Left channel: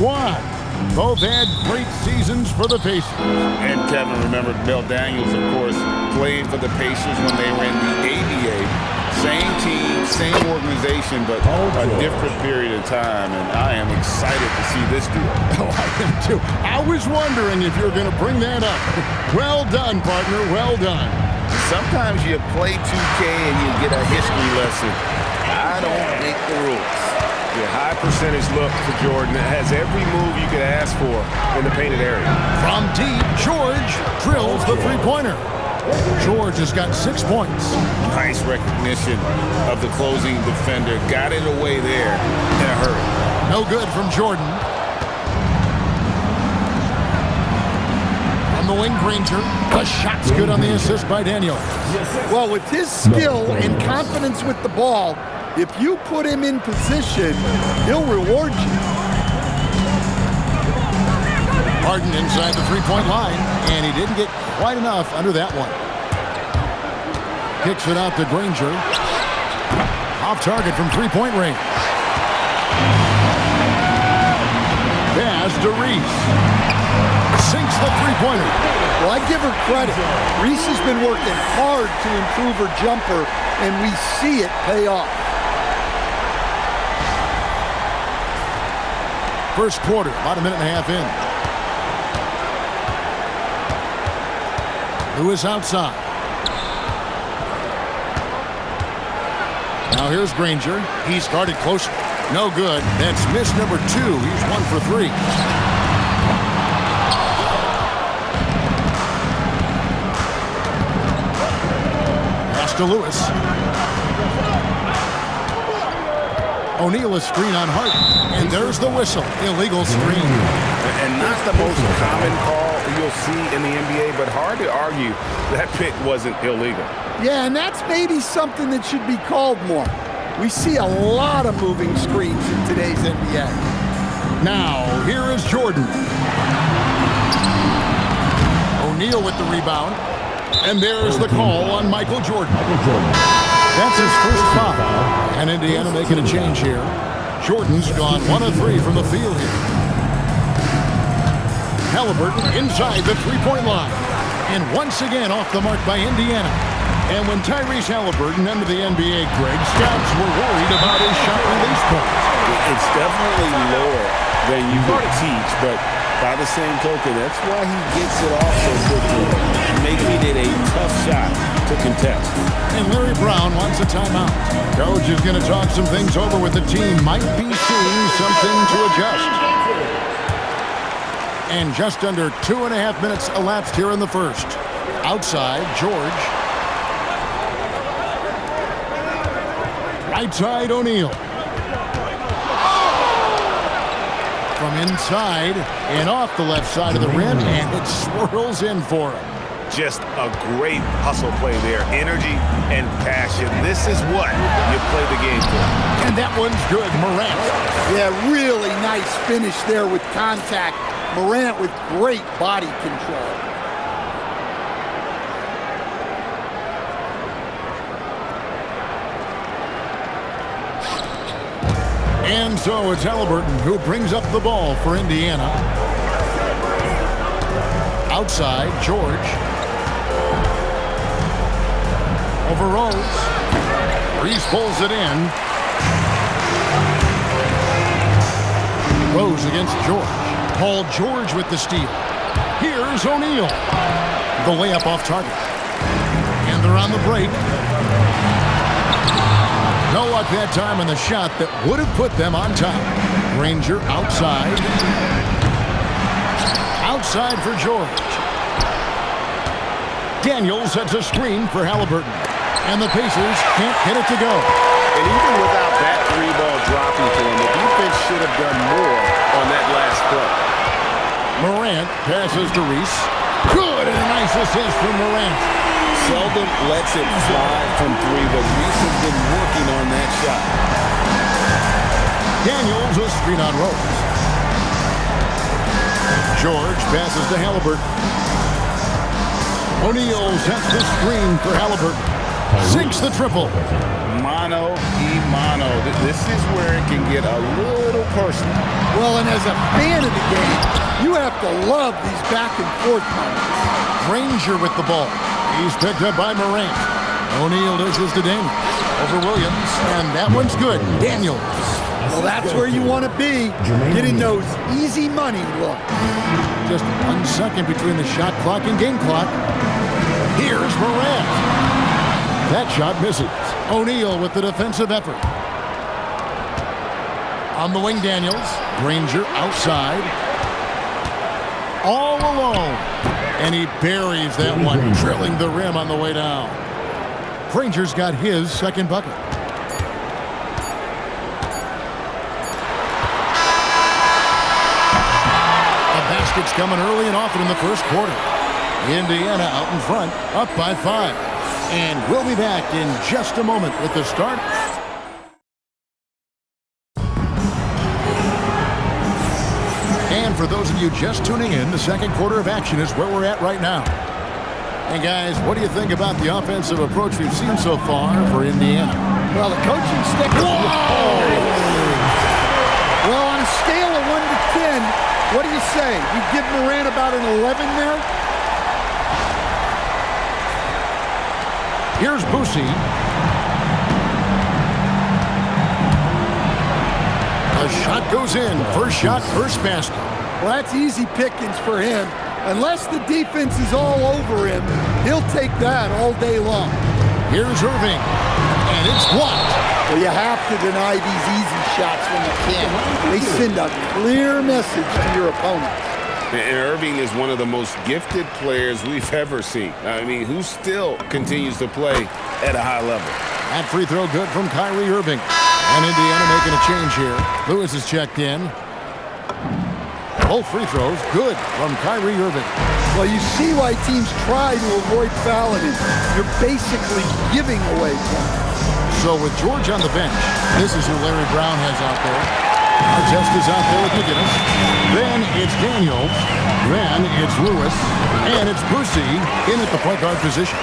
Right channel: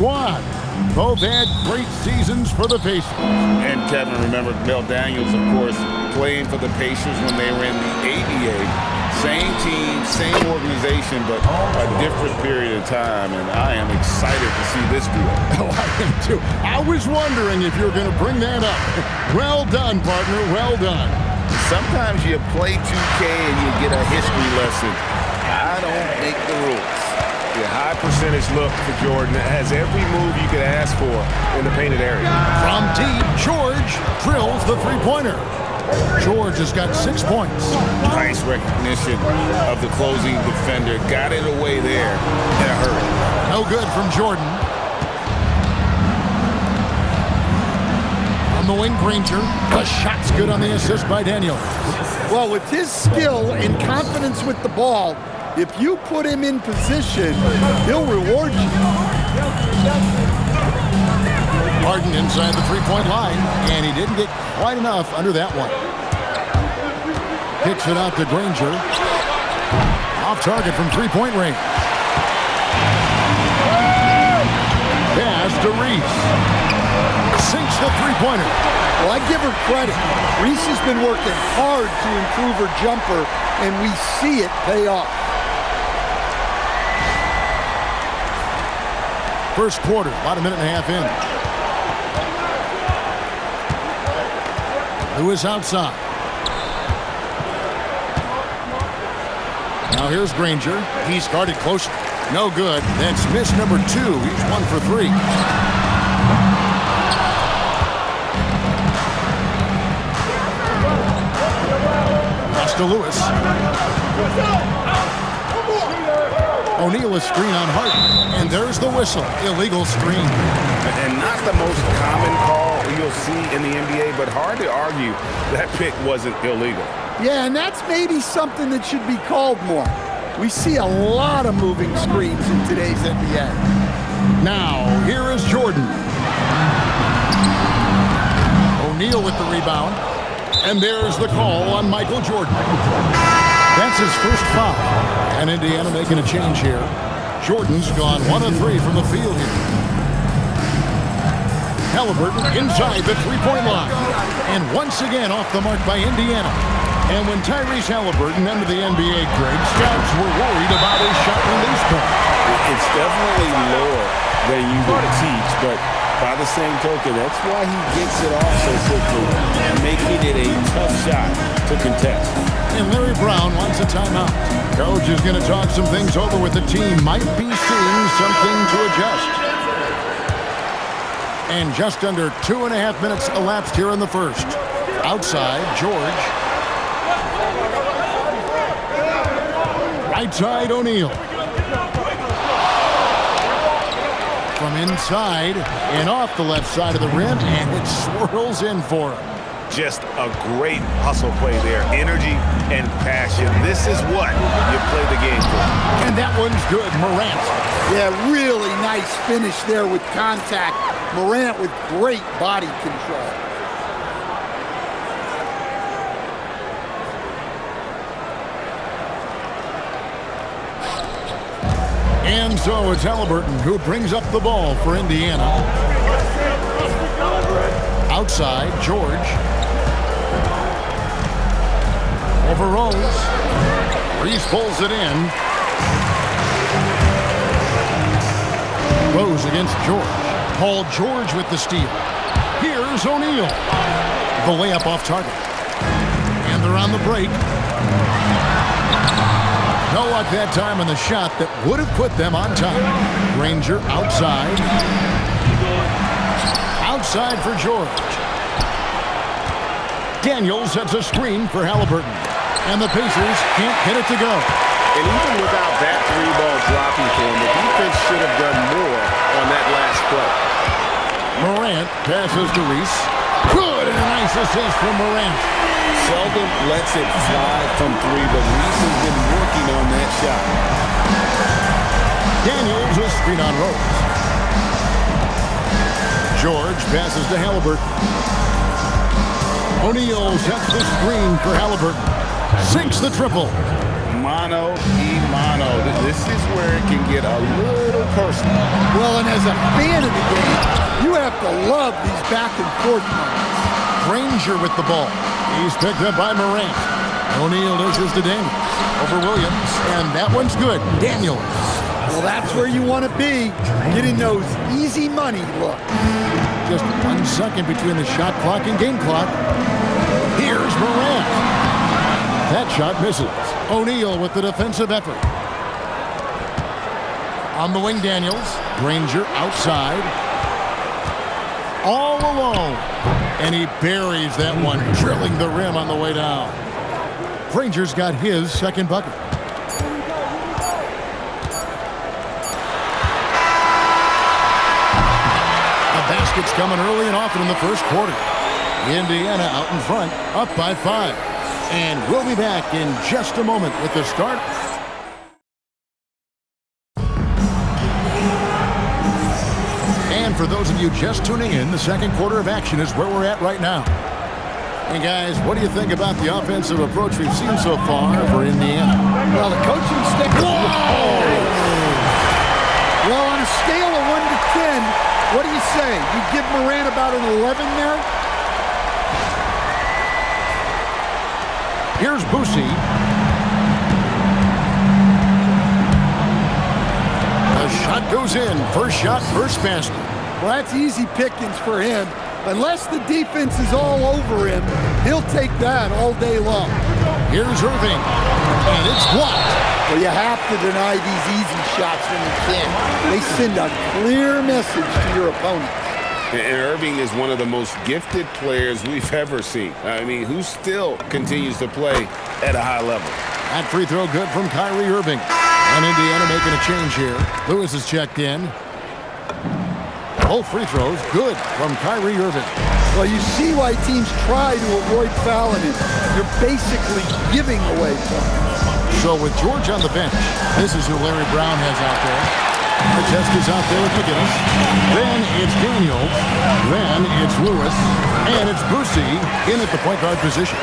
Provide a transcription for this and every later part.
squad. Both had great seasons for the Pacers. And Kevin, remember Bill Daniels, of course, playing for the Pacers when they were in the ABA. Same team, same organization, but a different period of time, and I am excited to see this duo. Oh, I am too. I was wondering if you were going to bring that up. Well done, partner, well done. Sometimes you play 2K and you get a history lesson. I don't make the rules. Yeah, high percentage look for Jordan. It has every move you could ask for in the painted area. From deep, George drills the three-pointer. George has got 6 points. Nice recognition of the closing defender. Got it away there in a hurry. No good from Jordan. On the wing, Granger. The shot's good on the assist by Daniels. Well, with his skill and confidence with the ball, if you put him in position, he'll reward you. Harden inside the three-point line, and he didn't get quite enough under that one. Kicks it out to Granger. Off target from three-point range. Pass to Reese. Sinks the three-pointer. Well, I give her credit. Reese has been working hard to improve her jumper, and we see it pay off. First quarter, about a minute and a half in. Lewis outside. Now here's Granger. He's guarded closely. No good. That's miss number 2. He's 1 for 3. Pass to Lewis. O'Neal is screen on Harden. And there's the whistle. Illegal screen. And not the most common call you'll see in the NBA, but hard to argue that pick wasn't illegal. Yeah, and that's maybe something that should be called more. We see a lot of moving screens in today's NBA. Now, here is Jordan. O'Neal with the rebound. And there's the call on Michael Jordan. That's his first foul. And Indiana making a change here. Jordan's gone 1 of 3 from the field here. Halliburton inside the three-point line. And once again off the mark by Indiana. And when Tyrese Halliburton entered the NBA, Greg, scouts were worried about his shot release point. It's definitely lower than you would teach, but by the same token, that's why he gets it off so quickly, making it a tough shot to contest. And Larry Brown wants a timeout. Coach is going to talk some things over with the team. Might be seeing something to adjust. And just under 2.5 minutes elapsed here in the first. Outside, George. Right side, O'Neal. From inside and off the left side of the rim, and it swirls in for him. Just a great hustle play there. Energy and passion. This is what you play the game for. And that one's good. Morant. Yeah, really nice finish there with contact. Morant with great body control. And so it's Halliburton who brings up the ball for Indiana. Outside, George. Over Rose. Reese pulls it in. Rose against George. Paul George with the steal. Here's O'Neal. The layup off target. And they're on the break. No luck that time on the shot that would have put them on top. Granger outside. Outside for George. Daniels sets a screen for Halliburton. And the Pacers can't get it to go. And even without that 3-ball dropping for him, the defense should have done more on that last play. Morant passes to Reese. Good, and a nice assist from Morant. Seldom lets it fly from 3, but Reese has been working on that shot. Daniels a screen on Rose. George passes to Halliburton. O'Neal sets the screen for Halliburton. Sinks the triple. mano y mano. This is where it can get a little personal. Well, and as a fan of the game, you have to love these back and forth moments. Granger with the ball. He's picked up by Morant. O'Neal dishes to Daniels. Over Williams, and that one's good. Daniels. Well, that's where you want to be, getting those easy money looks. Just 1 second between the shot clock and game clock. Here's Morant. That shot misses. O'Neal with the defensive effort. On the wing, Daniels. Granger outside. All alone. And he buries that one, drilling the rim on the way down. Granger's got his second bucket. The basket's coming early and often in the first quarter. Indiana out in front, up by 5. And we'll be back in just a moment with the start. And for those of you just tuning in, the second quarter of action is where we're at right now. And guys, what do you think about the offensive approach we've seen so far for Indiana? Well, the coaching staff. Whoa! Well, on a scale of 1 to 10, what do you say? You give Morant about an 11 there? Here's Boosie. The shot goes in. First shot, first basket. Well, that's easy pickings for him. Unless the defense is all over him, he'll take that all day long. Here's Irving, and it's blocked. Well, you have to deny these easy shots when you can. They send a clear message to your opponents. And Irving is one of the most gifted players we've ever seen. I mean, who still continues to play at a high level. That free throw good from Kyrie Irving. And Indiana making a change here. Lewis is checked in. Both free throws good from Kyrie Irving. Well, you see why teams try to avoid fouling him. You're basically giving away points. So with George on the bench, this is who Larry Brown has out there. Artest is out there with McGinnis. Then it's Daniels. Then it's Lewis. And it's Boosie in at the point guard position.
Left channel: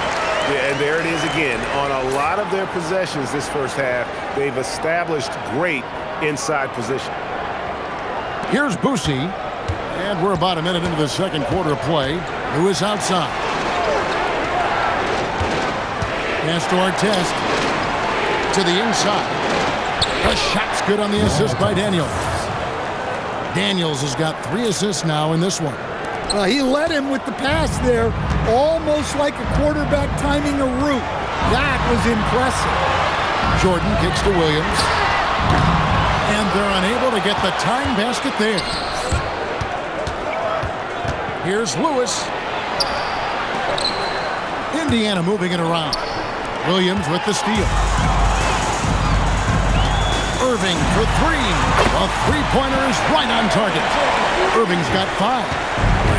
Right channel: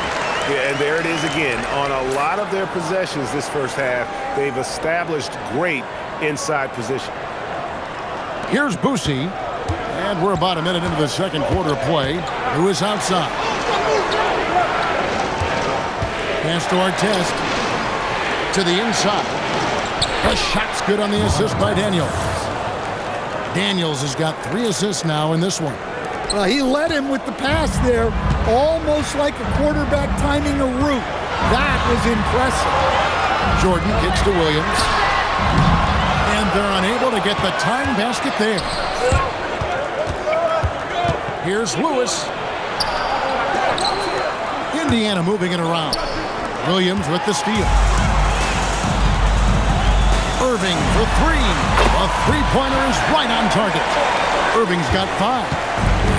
Yeah, and there it is again. On a lot of their possessions this first half, they've established great inside position. Here's Boosie. And we're about a minute into the second quarter of play. Lewis outside. Pass to Artest. To the inside. The shot's good on the assist by Daniels. Daniels has got 3 assists now in this one. Well, he led him with the pass there, almost like a quarterback timing a route. That was impressive. Jordan kicks to Williams. And they're unable to get the tying basket there. Here's Lewis. Indiana moving it around. Williams with the steal. Irving for 3. The three-pointer is right on target. Irving's got 5.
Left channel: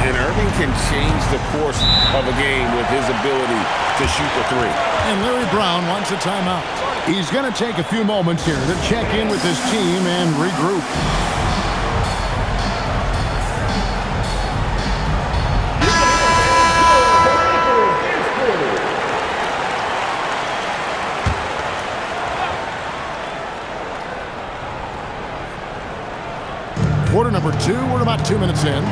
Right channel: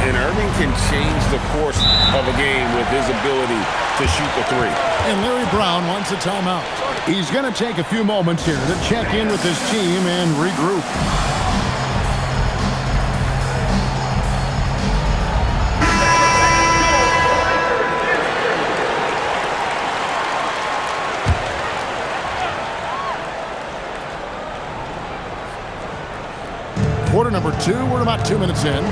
And Irving can change the course of a game with his ability to shoot the 3. And Larry Brown wants a timeout. He's going to take a few moments here to check in with his team and regroup. Quarter number 2, we're about 2 minutes in.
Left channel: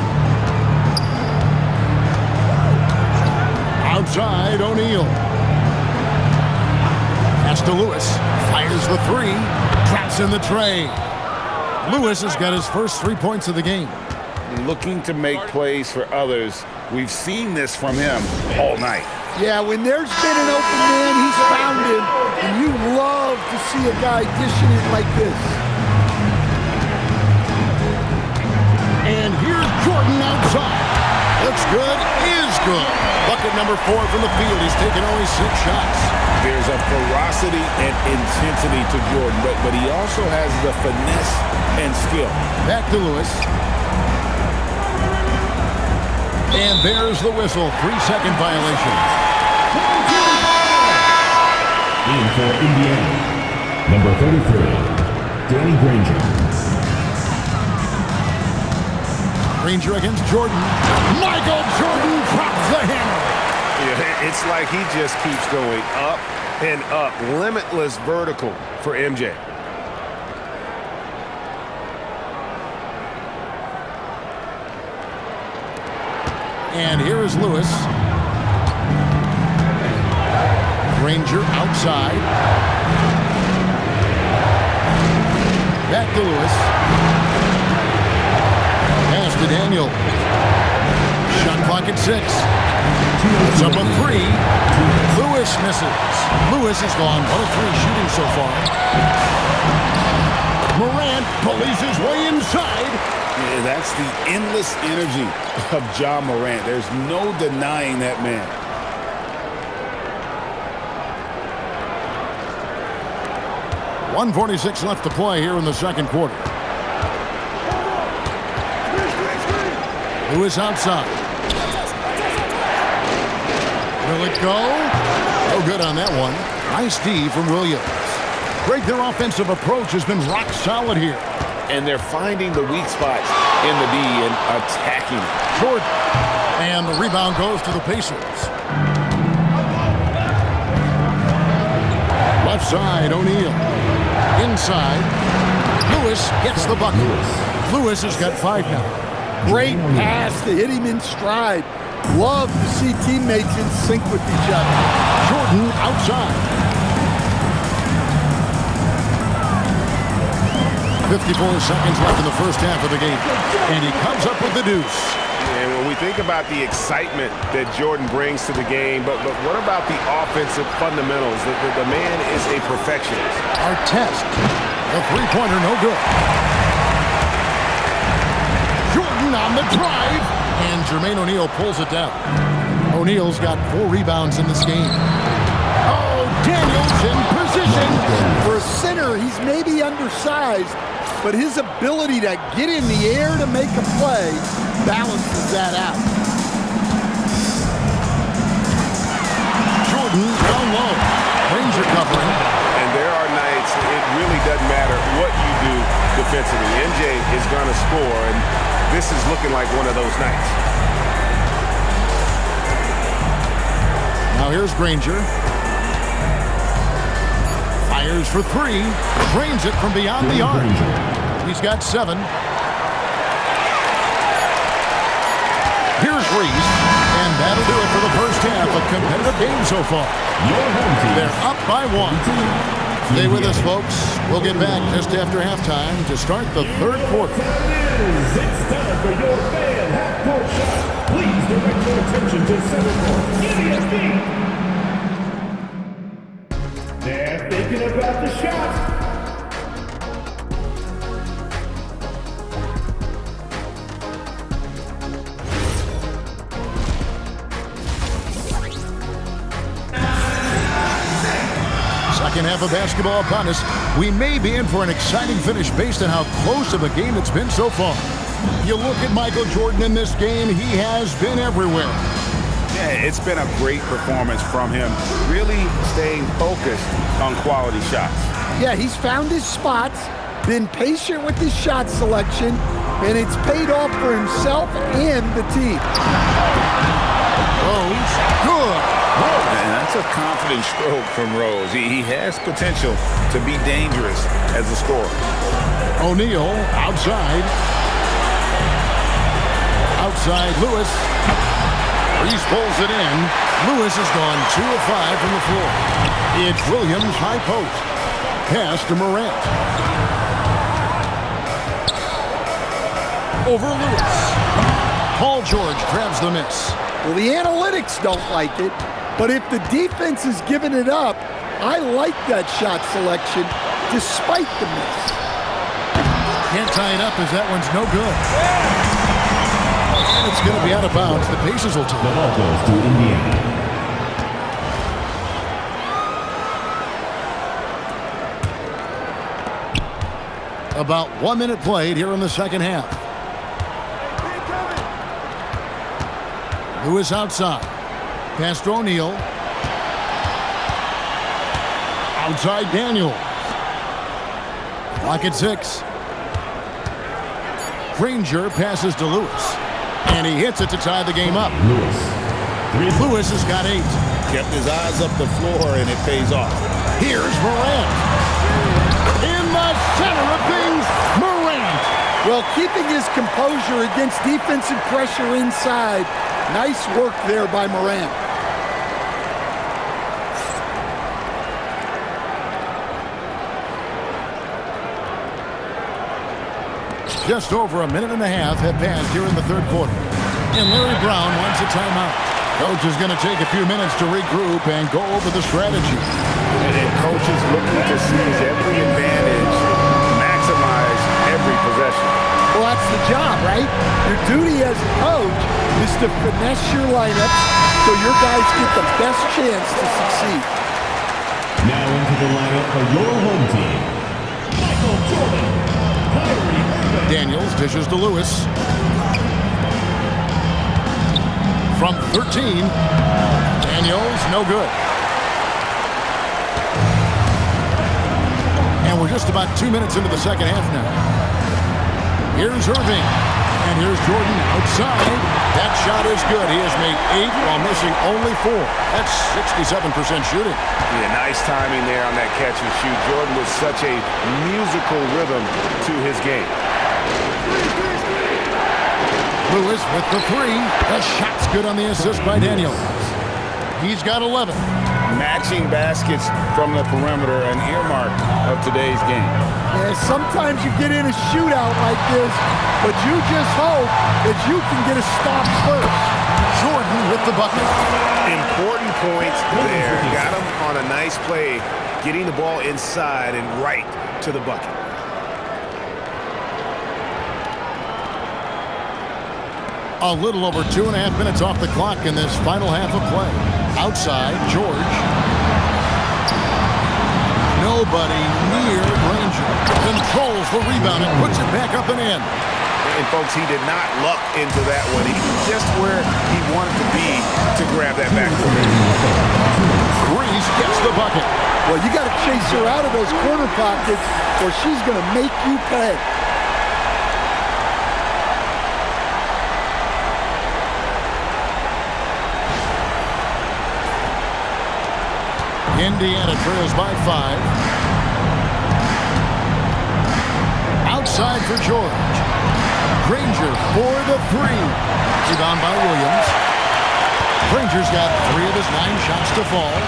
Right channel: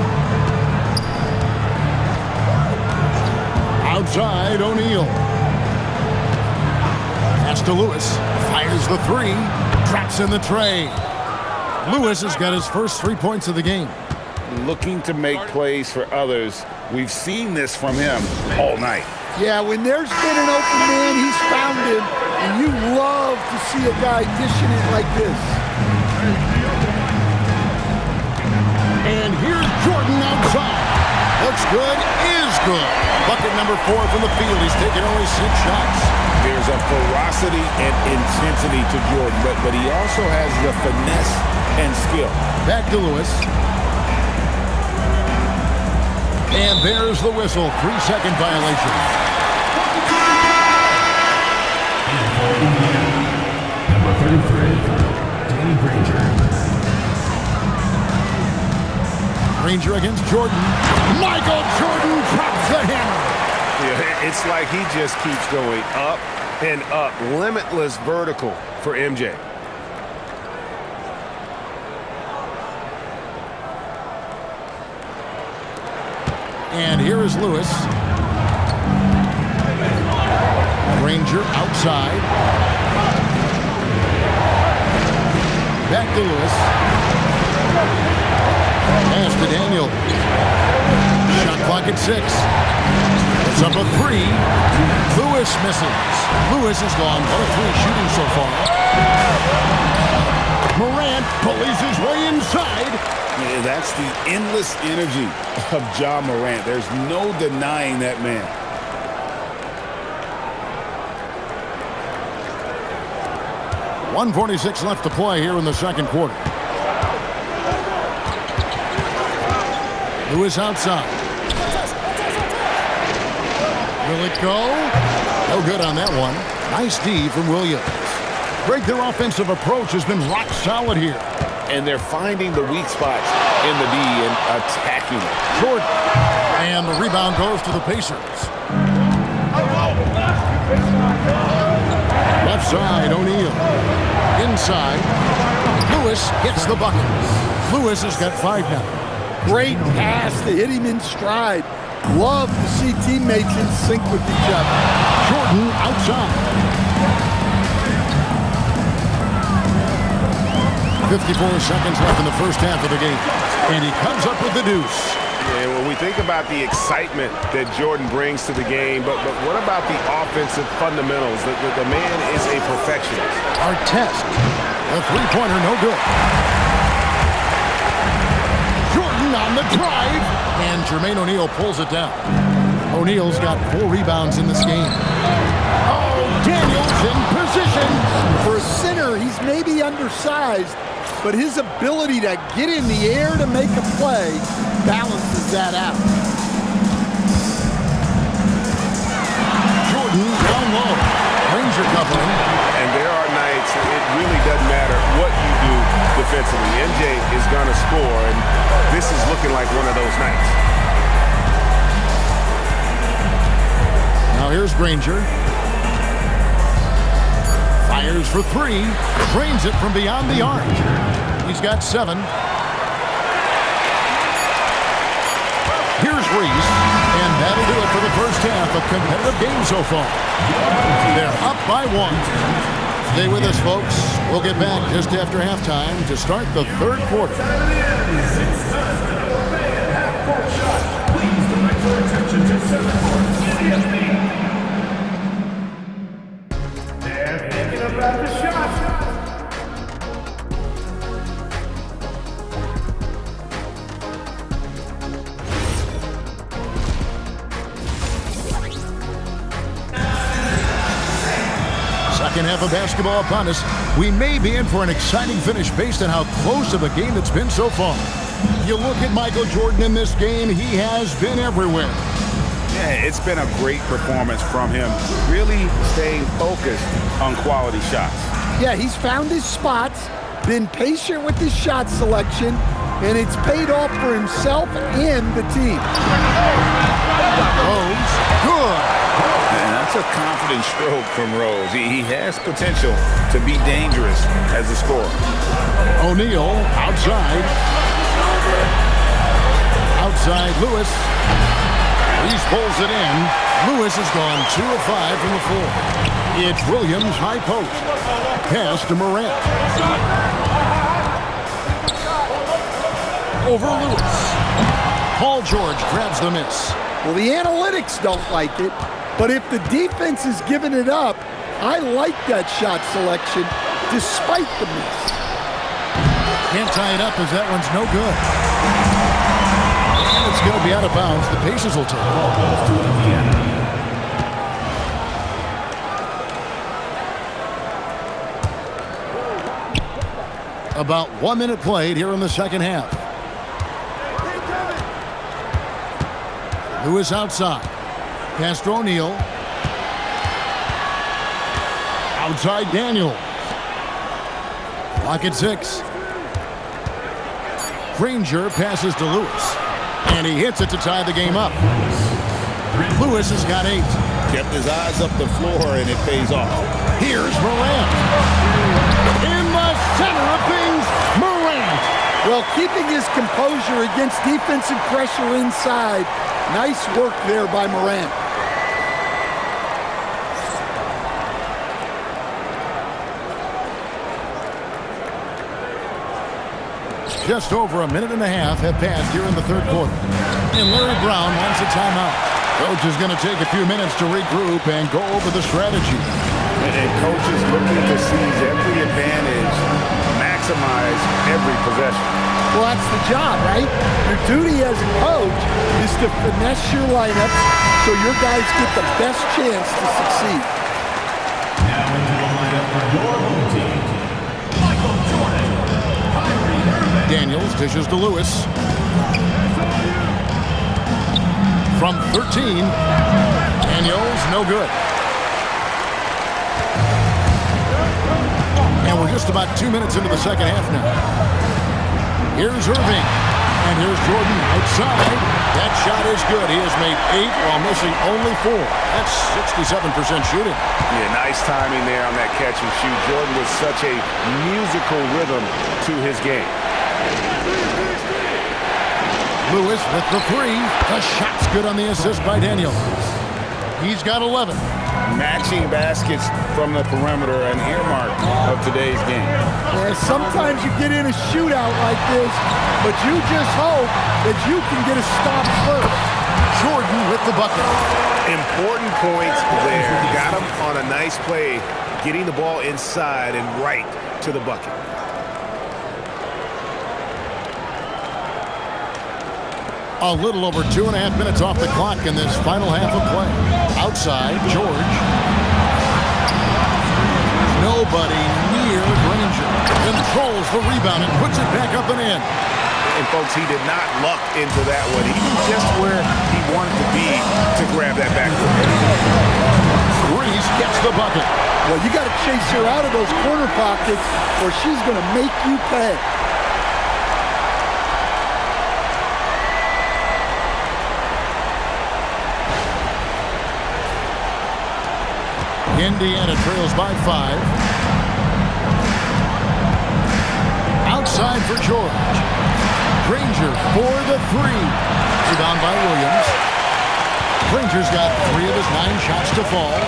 Outside, O'Neal. Pass to Lewis. Fires the 3. Drops in the tray. Lewis has got his first 3 points of the game. Looking to make plays for others. We've seen this from him all night. Yeah, when there's been an open man, he's found him. And you love to see a guy dishing it like this. And here's Jordan outside. Looks good, is good. Bucket number 4 from the field. He's taken only 6 shots. There's a ferocity and intensity to Jordan, but he also has the finesse and skill. Back to Lewis. And there's the whistle. 3-second violation. And for Indiana, number 33, Danny Granger. Granger against Jordan. Michael Jordan drops the hammer. Yeah, it's like he just keeps going up And up, limitless vertical for MJ. And here is Lewis. Granger outside. Back to Lewis. Pass to Daniel. Shot clock at 6. It's up a 3. Lewis misses. Lewis has gone 1 of 3 shooting so far. Morant bullies his way inside. Yeah, that's the endless energy of Ja Morant. There's no denying that man. .146 left to play here in the second quarter. Lewis outside. Will it go? No good on that one. Nice D from Williams. Greg, their offensive approach has been rock solid here. And they're finding the weak spots in the D and attacking it. Jordan. And the rebound goes to the Pacers. Left side, O'Neal. Inside. Lewis gets the bucket. Lewis has got 5 now. Great pass to hit him in stride. Love to see teammates in sync with each other. Jordan outside. 54 seconds left in the first half of the game. And he comes up with the deuce. And when we think about the excitement that Jordan brings to the game, but what about the offensive fundamentals? The man is a perfectionist. Artest. The three-pointer no good. Jordan on the drive. And Jermaine O'Neal pulls it down. O'Neal's got 4 rebounds in this game. Oh, Daniels in position. For a center, he's maybe undersized, but his ability to get in the air to make a play balances that out. Jordan down low. Granger covering. And there are nights it really doesn't matter what you do defensively. MJ is going to score, and this is looking like one of those nights. Now here's Granger. Fires for 3. Drains it from beyond the arc. He's got 7. Here's Reese. And that'll do it for the first half. A competitive game so far. They're up by 1. Stay with us, folks. We'll get back just after halftime to start the third quarter. It's time for your fan half-court shot. Please direct your attention to center court. ESP. They're thinking about the shot. Second half of basketball upon us. We may be in for an exciting finish based on how close of a game it's been so far. You look at Michael Jordan in this game, he has been everywhere. Yeah, it's been a great performance from him, really staying focused on quality shots. Yeah, he's found his spots, been patient with his shot selection, and it's paid off for himself and the team. Rose, good. And that's a confident stroke from Rose. He has potential to be dangerous as a scorer. O'Neal outside. Outside Lewis. Reese pulls it in. Lewis has gone 2 of 5 from the floor. It's Williams, high post. Pass to Morant. Over Lewis. Paul George grabs the miss. Well, the analytics don't like it, but if the defense is giving it up, I like that shot selection despite the miss. Can't tie it up as that one's no good. And it's going to be out of bounds. The Pacers will take it. Ball goes to Indiana. About 1 minute played here in the second half. Lewis outside. Pass to O'Neal. Outside Daniel. Clock at 6. Granger passes to Lewis. And he hits it to tie the game up. Lewis has got 8. Kept his eyes up the floor, and it pays off. Here's Morant. In the center of things, Morant. Well, keeping his composure against defensive pressure inside. Nice work there by Morant. Just over a minute and a half have passed here in the third quarter. And Larry Brown wants a timeout. Coach is going to take a few minutes to regroup and go over the strategy. And coach is looking to seize every advantage, maximize every possession. Well, that's the job, right? Your duty as a coach is to finesse your lineups so your guys get the best chance to succeed. Now into the lineup for your home team, Michael Jordan, Kyrie Irving. Daniels dishes to Lewis. From 13, Daniels, no good. And we're just about 2 minutes into the second half now. Here's Irving, and here's Jordan outside. That shot is good. He has made 8 while missing only 4. That's 67% shooting. Yeah, nice timing there on that catch and shoot. Jordan with such a musical rhythm to his game. Lewis with the 3. The shot's good on the assist by Daniels. He's got 11. Matching baskets from the perimeter, an earmark of today's game. Yeah, sometimes you get in a shootout like this, but you just hope that you can get a stop first. Jordan with the bucket. Important points there. Got him on a nice play, getting the ball inside and right to the bucket. A little over 2.5 minutes off the clock in this final half of play. Outside, George. Nobody near Granger. Controls the rebound and puts it back up and in. And folks, he did not luck into that one. He was just where he wanted to be to grab that backboard. Reese gets the bucket. Well, you got to chase her out of those corner pockets or she's going to make you pay. Indiana trails by 5. Outside for George. Granger for the 3. Rebound by Williams. Granger's got 3 of his 9 shots to fall.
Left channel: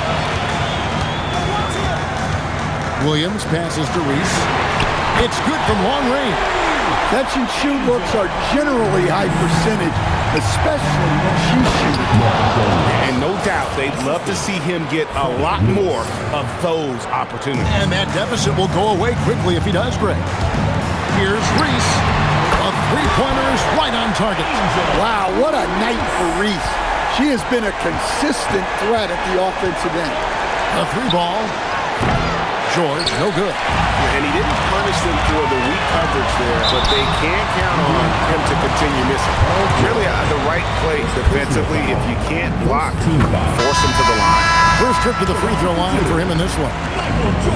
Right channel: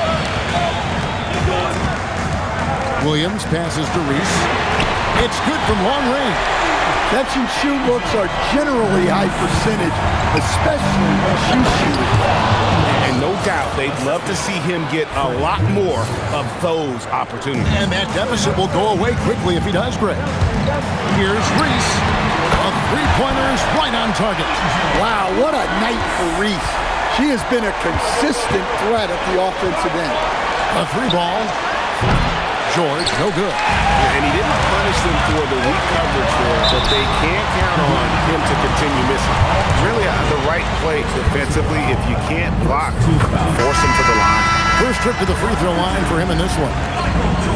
Williams passes to Reese. It's good from long range. Catch and shoot looks are generally high percentage, especially when she's shooting. And no doubt they'd love to see him get a lot more of those opportunities. And that deficit will go away quickly if he does, Greg. Here's Reese. A 3-pointer is right on target. Wow, what a night for Reese. She has been a consistent threat at the offensive end. A 3-ball. George, no good. And he didn't punish them for the weak coverage there, but they can't count on him to continue missing. Really the right play defensively. If you can't block, force him to the line. First trip to the free throw line for him in this one.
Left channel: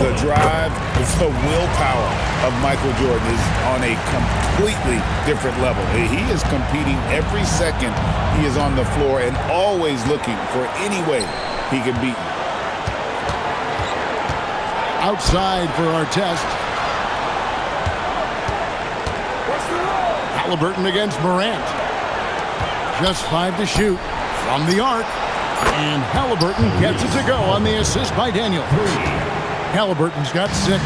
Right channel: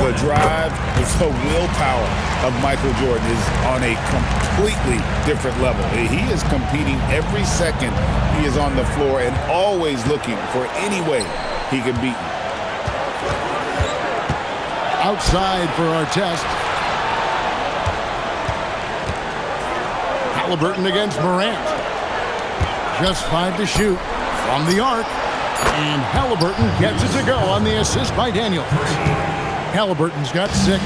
The drive, the willpower of Michael Jordan is on a completely different level. He is competing every second he is on the floor and always looking for any way he can beat you. Outside for Artest. Halliburton against Morant. Just 5 to shoot from the arc. And Halliburton gets it to go on the assist by Daniels. Halliburton's got 6.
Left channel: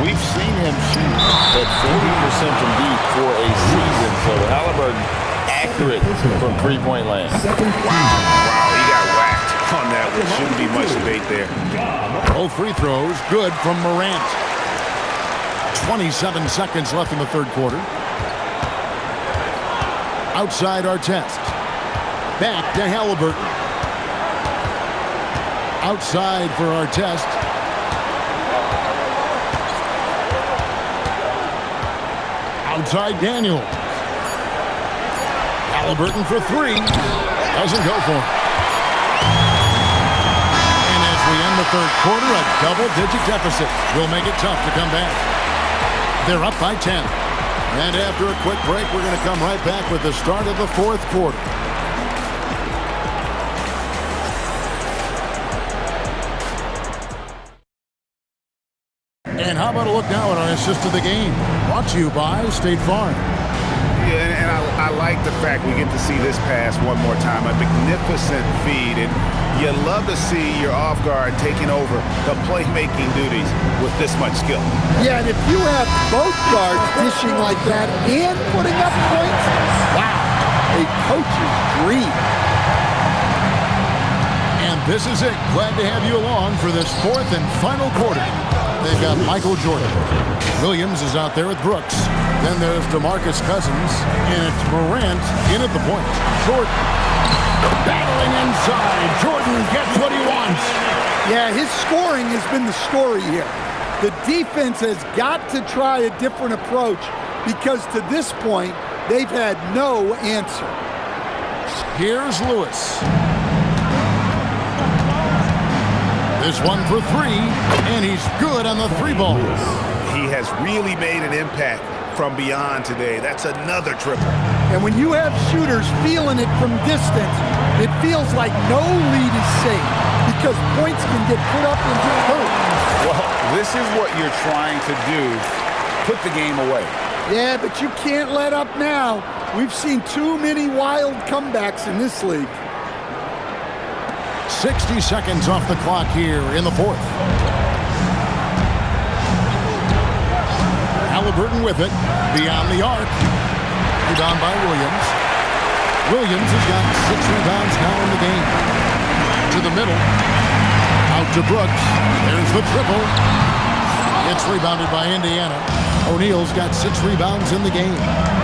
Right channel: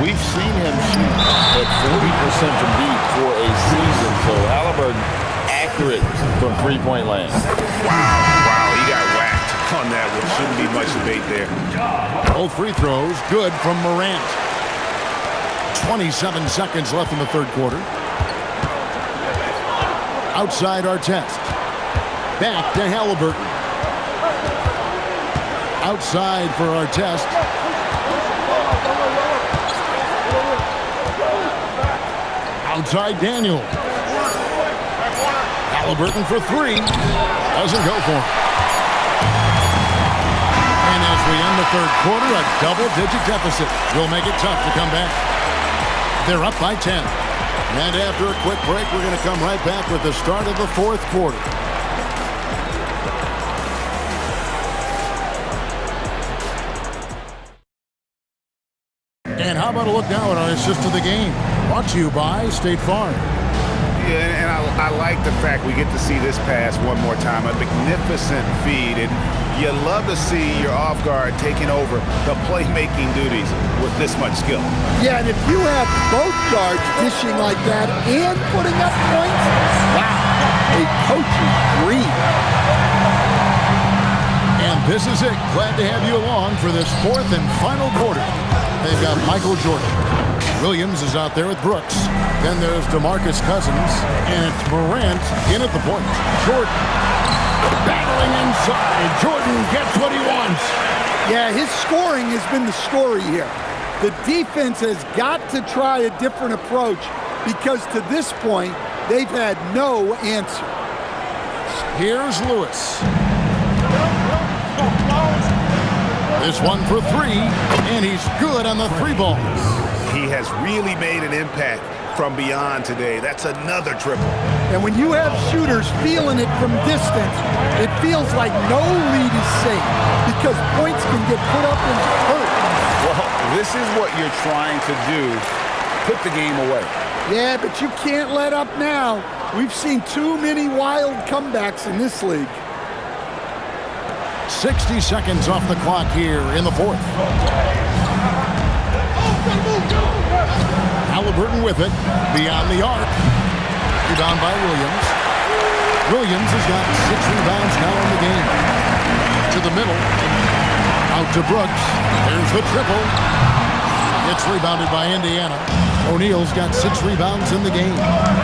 We've seen him shoot at 40% from deep for a season. So Halliburton accurate from three-point land. Wow, he got whacked on that, which shouldn't be much debate there. Both free throws good from Morant. 27 seconds left in the third quarter. Outside Artest. Back to Halliburton. Outside for Artest. Outside Daniels. Halliburton for 3. Doesn't go for him. And as we end the third quarter, a double-digit deficit will make it tough to come back. They're up by 10. And after a quick break, we're going to come right back with the start of the fourth quarter. how about a look now at our assist of the game? Brought to you by State Farm. Yeah, and I like the fact we get to see this pass one more time. A magnificent feed, and you love to see your off guard taking over the playmaking duties with this much skill. Yeah, and if you have both guards dishing like that and putting up points, wow, a coach's dream. And this is it. Glad to have you along for this fourth and final quarter. They've got Michael Jordan. Williams is out there with Brooks. Then there's DeMarcus Cousins, and it's Morant in at the point. Jordan battling inside. Jordan gets what he wants. Yeah, his scoring has been the story here. The defense has got to try a different approach because to this point, they've had no answer. Here's Lewis. This one for three, and he's good on the three ball. He has really made an impact from beyond today. That's another triple. And when you have shooters feeling it from distance, it feels like no lead is safe because points can get put up and hurt. Well, this is what you're trying to do. Put the game away. Yeah, but you can't let up now. We've seen too many wild comebacks in this league. 60 seconds off the clock here in the fourth. Halliburton with it, beyond the arc. Rebound by Williams. Williams has got 6 rebounds now in the game. To the middle. Out to Brooks. There's the triple. It's rebounded by Indiana. O'Neal's got 6 rebounds in the game.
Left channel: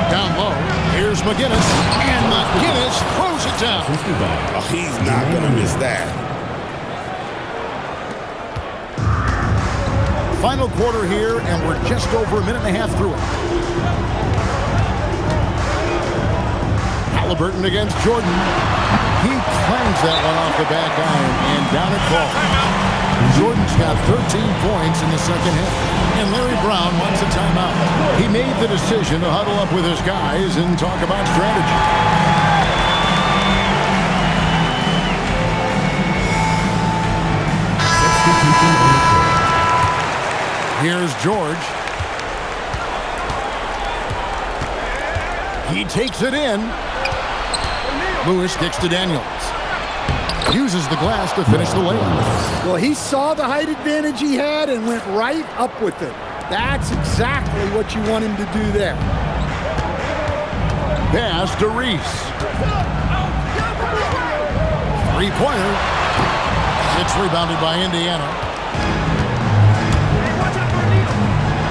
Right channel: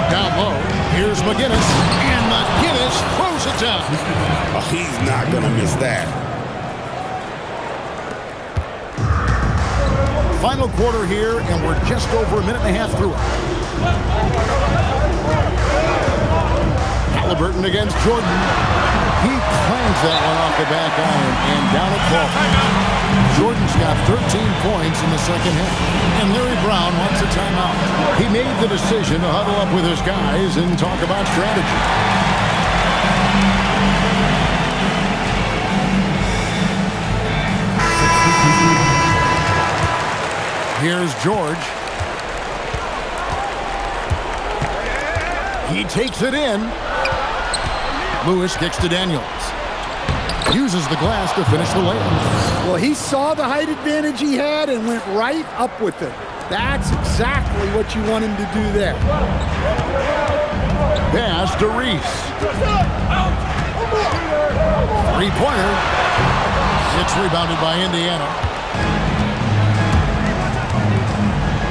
Down low, here's McGinnis. And McGinnis throws it down. Oh, he's not going to miss that. Final quarter here, and we're just over a minute and a half through it. Halliburton against Jordan. He clangs that one off the back iron, and down it falls. Jordan's got 13 points in the second half, and Larry Brown wants a timeout. He made the decision to huddle up with his guys and talk about strategy. Here's George. He takes it in. Lewis kicks to Daniels. Uses the glass to finish the layup. Well, he saw the height advantage he had and went right up with it. That's exactly what you want him to do there. Pass to Reese. Three-pointer. It's rebounded by Indiana.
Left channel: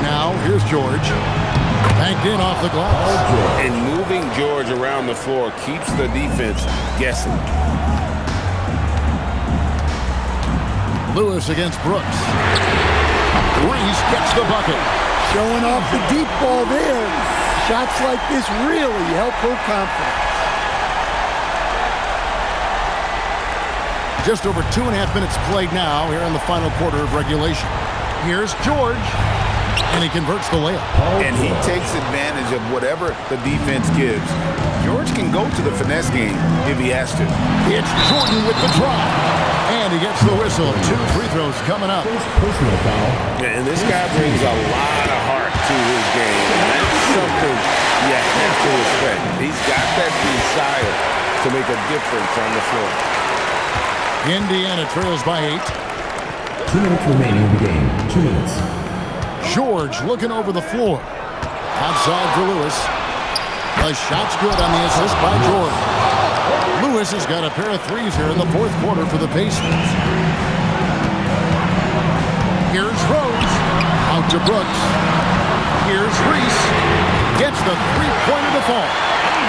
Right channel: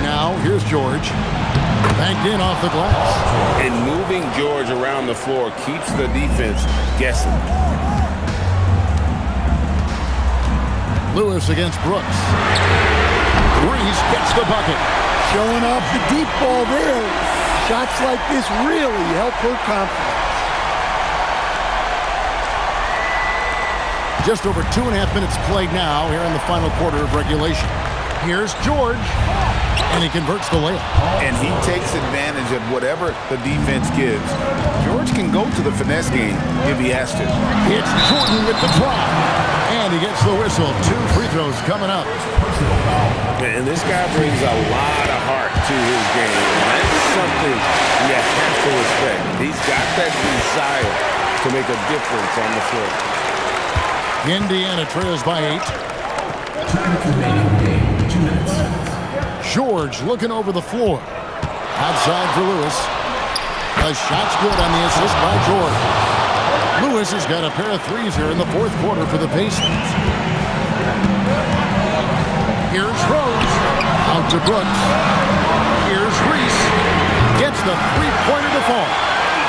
Now, here's George. Banked in off the glass. And moving George around the floor keeps the defense guessing. Lewis against Brooks. Reese gets the bucket. Showing off the deep ball there. Shots like this really help her confidence. Just over 2.5 minutes played now here in the final quarter of regulation. Here's George. And he converts the layup. And he takes advantage of whatever the defense gives. George can go to the finesse game if he has to. It's Jordan with the drive. And he gets the whistle. 2 free throws coming up. Personal foul. And this guy brings a lot of heart to his game. And that's something you have to respect. He's got that desire to make a difference on the floor. Indiana trails by 8. 2 minutes remaining in the game. 2 minutes. George looking over the floor. Outside for Lewis. The shot's good on the assist by George. Lewis has got a pair of threes here in the fourth quarter for the Pacers. Here's Rose. Out to Brooks. Here's Reese. Gets the three-pointer to fall.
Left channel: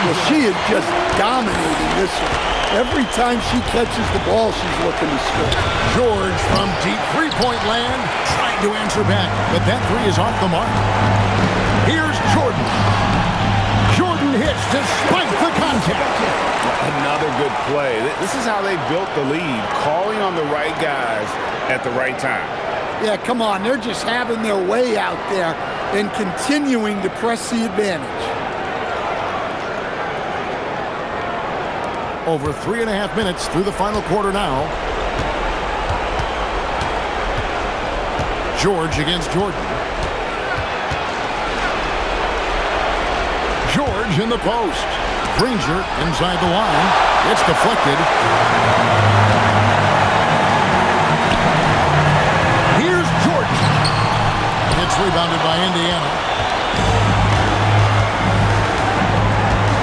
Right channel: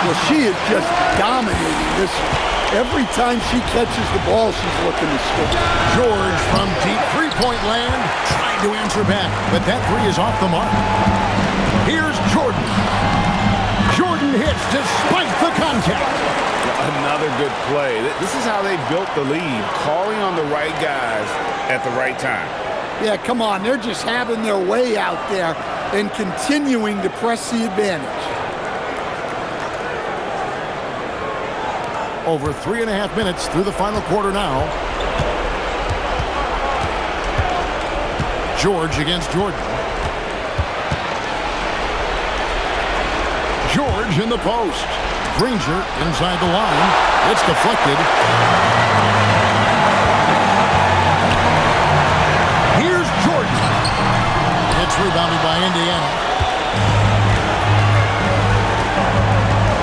Well, she is just dominating this one. Every time she catches the ball, she's looking to score. George from deep three-point land trying to answer back, but that three is off the mark. Here's Jordan. Jordan hits despite the contact. Another good play. This is how they built the lead, calling on the right guys at the right time. Yeah, come on. They're just having their way out there and continuing to press the advantage. Over 3.5 minutes through the final quarter now. George against Jordan. George in the post. Granger inside the line. It's deflected. Here's Jordan. It's rebounded by Indiana.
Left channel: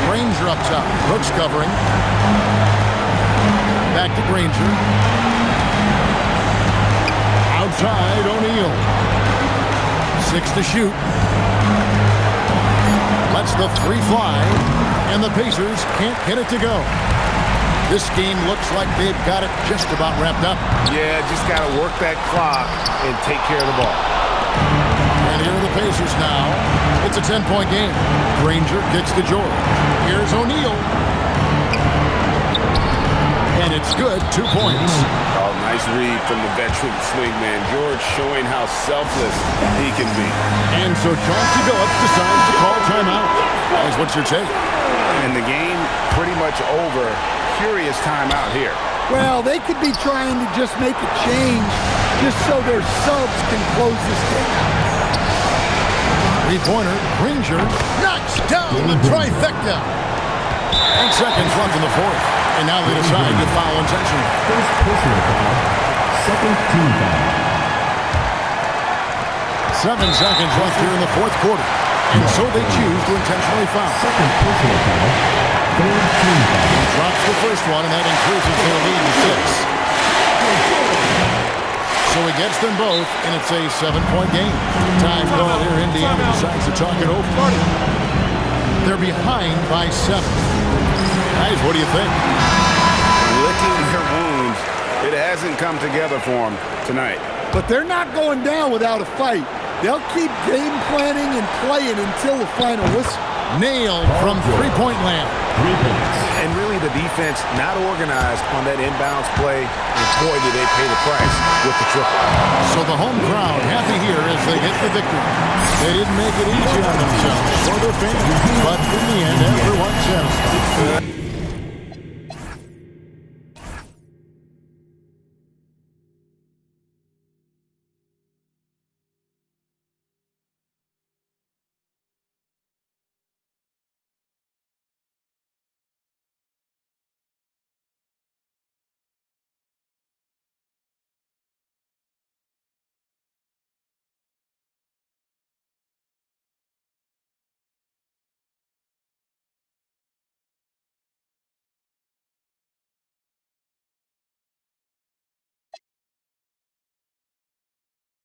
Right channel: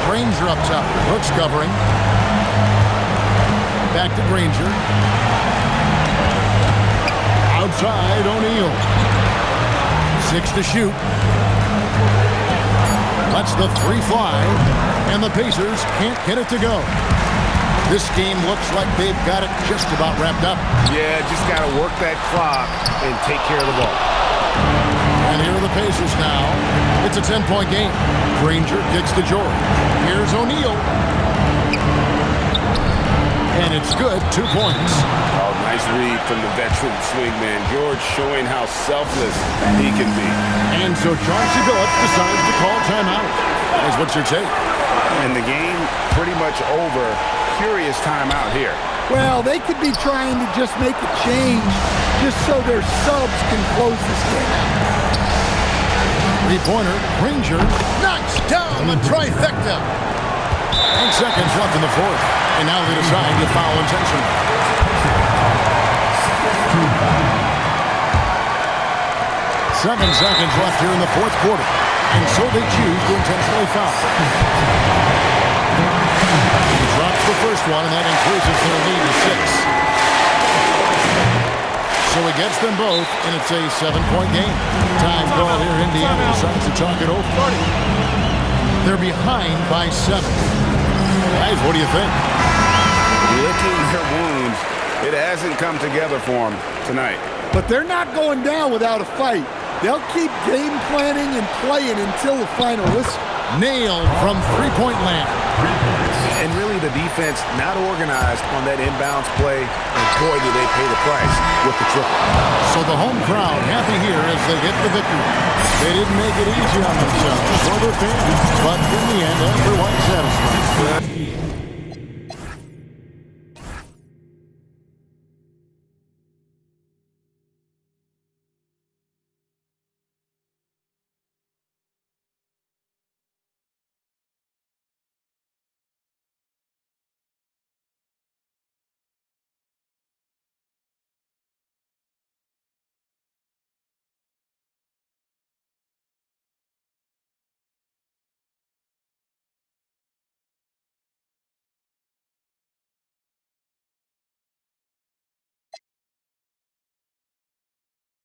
Granger up top. Brooks covering. Back to Granger. Outside O'Neal. 6 to shoot. Lets the three fly. And the Pacers can't get it to go. This game looks like they've got it just about wrapped up. Yeah, just got to work that clock and take care of the ball. And here are the Pacers now. It's a 10-point game. Granger kicks to George. Here's O'Neal. And it's good. 2 points. Oh, nice read from the veteran swingman. George showing how selfless he can be. And so Chauncey Billups decides to call timeout. Guys, what's your take? And the game pretty much over. Curious timeout here. Well, they could be trying to just make a change just so their subs can close this game out. Three-pointer, Granger knocks down the trifecta. 8 seconds left in the fourth. And now they decide to foul intentionally. First personal foul. Second team foul. 7 seconds left here in the fourth quarter. And so they choose to intentionally foul. Second personal foul. Third team foul. He drops the first one, and that increases their lead to 6. So he gets them both, and it's a 7-point game. Time call here. Indiana decides to talk it over. They're behind by 7. Guys, what do you think? Licking their wounds. It hasn't come together for them tonight. But they're not going down without a fight. They'll keep game planning and playing until the final whistle. Nailed from three-point land. 3 points. And really the defense not organized on that inbounds play, and boy, do they pay the price with the triple. So the home crowd happy here as they get the victory. They didn't make it easy on themselves or their fans, but in the end, everyone's satisfied.